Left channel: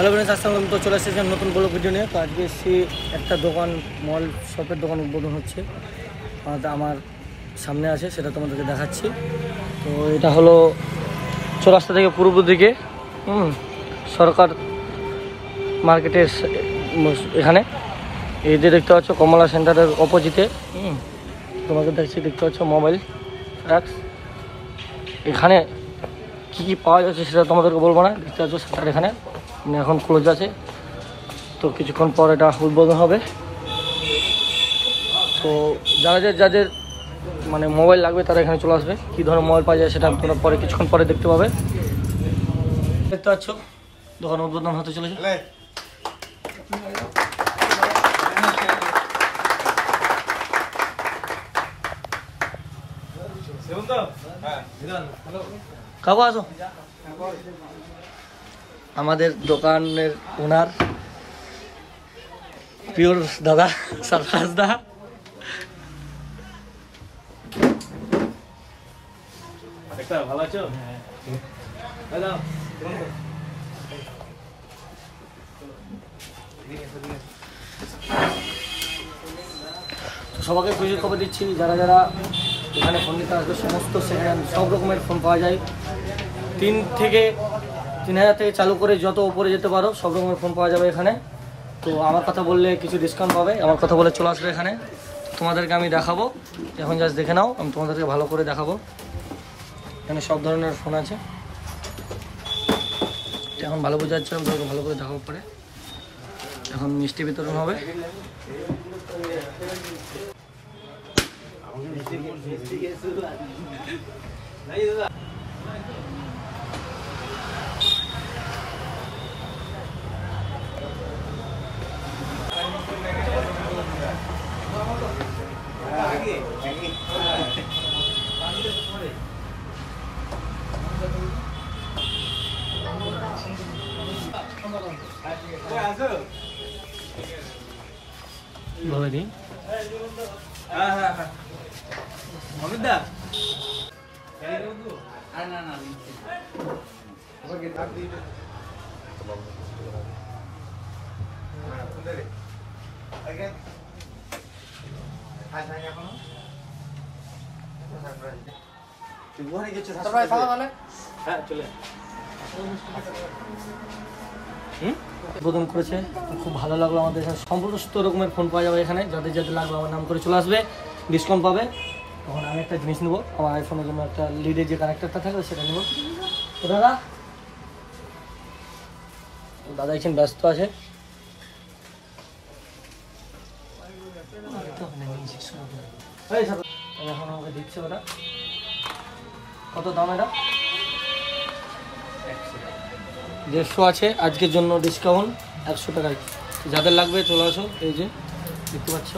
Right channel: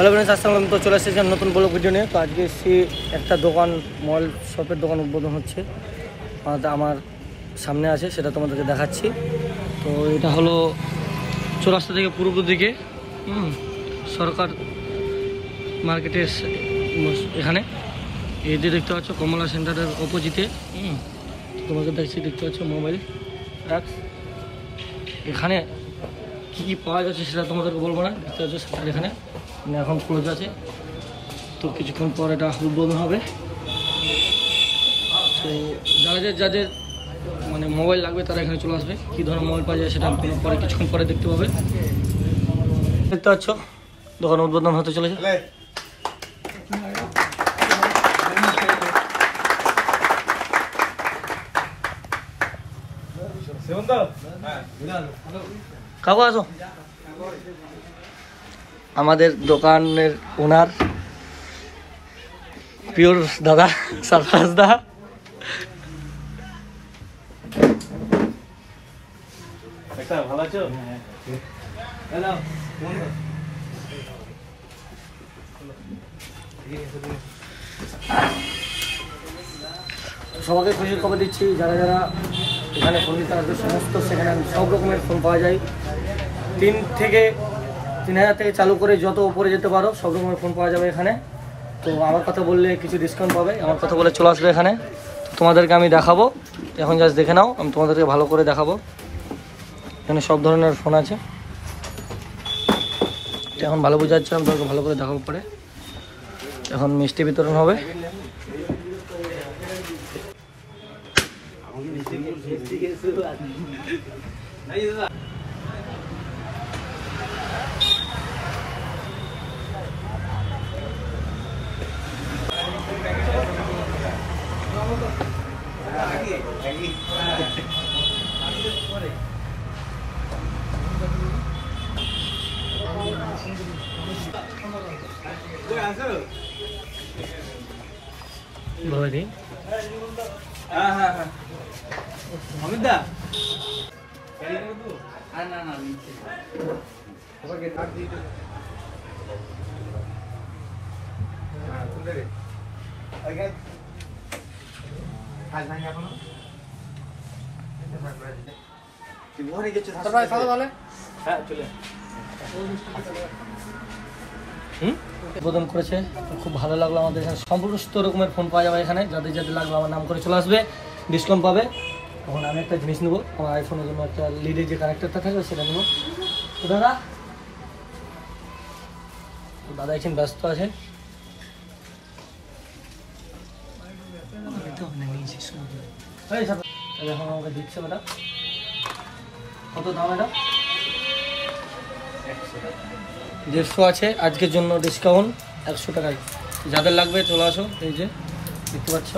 Hello friends, আসসালামু আলাইকুম। তো চলে এসেছি নতুন ব্লগ ভিডিও নিয়ে। তো আজকে এসেছি একটা দোকান, মল শপের দোকান উদ্বোধন হচ্ছে আমার সামনে আছে, সেটা তোমাদেরকে দেখাচ্ছি। তো এটা হলো চৌরাস্তা থেকে পূর্ব দিকে সরকার মার্কেটের এখানে এই যে দেখতে পাচ্ছ কমলা সেন্টারের অপোজিটে। তোমাকে দেখতে পাচ্ছ মোবাইল রাক্স। এখানে কী কী পাওয়া যাচ্ছে সেটা তোমাদেরকে বলবো না। দেখতে পাচ্ছ সেটার এখানে এখন ক্লোজ আছে, তো কিছুক্ষণ পর এটা উদ্বোধন হবে। তো যাদের মানে মোবাইল লাগবে তারা এখানে চলে আসবে। কী ধরনের মোবাইল পাওয়া যায় সেটা পরে কিছুক্ষণ পরে দেখতে পাবে। দেখতে পাচ্ছ দোকান উদ্বোধন হতে চলেছে। কাকু আসো। আমাদের দোকানের ওনার পিওর দাদা সারফারাজ দা। ভালো আছো? সবাইকে খুশির খবর দিচ্ছি, যারা এখানে ফোন নিতে আসবে সমস্ত সেকেন্ড হ্যান্ড সব রকমের ফোন পাওয়া যায়। 3,000 থেকে চালু করে যত উপরে যেতে পারো সব রকমের ফোন পাওয়া যাবে এখানে। তো আমার কথা বললে কিছু ডিসকাউন্ট পাবে, আমার কথা বলে চলে আসবে এখানে। তোমাদেরকে আমি দেখাবো, এখন জাস্ট দেখে নাও, আমি তোমাদেরকে ভালো করে দেখাবো। এখানে সব ধরনের ফোন আছে, এখন ভালো বোঝা যাচ্ছে, আমি তোমাকে ভালো করে দেখাবো পরে। এখন মিষ্টি বিতরণ হবে। উদ্বোধন করেছে, খুব ভালো লাগলো। আমাদের এখানে সমস্ত রকমের ফোন পাওয়া যাবে এখানে। যাদের লাগবে আমার নাম করে চলে আসবে, ডিসকাউন্ট পাবে। তখন আমি একটা জিনিস নেবো, আমার আইফোনের জন্য একটা লিডের যে কানেক্টরটা থাকবে সেটা নেবো। দাদা এখন ব্যস্ত আছে। এখন আমাকে দিচ্ছে ওটা। কত দাম এটা? 150 আছে আজকের জন্য ডিসকাউন্ট 100 টাকায়। যাদের লাগবে চলে আসো, এই যে দেখতে পাচ্ছ।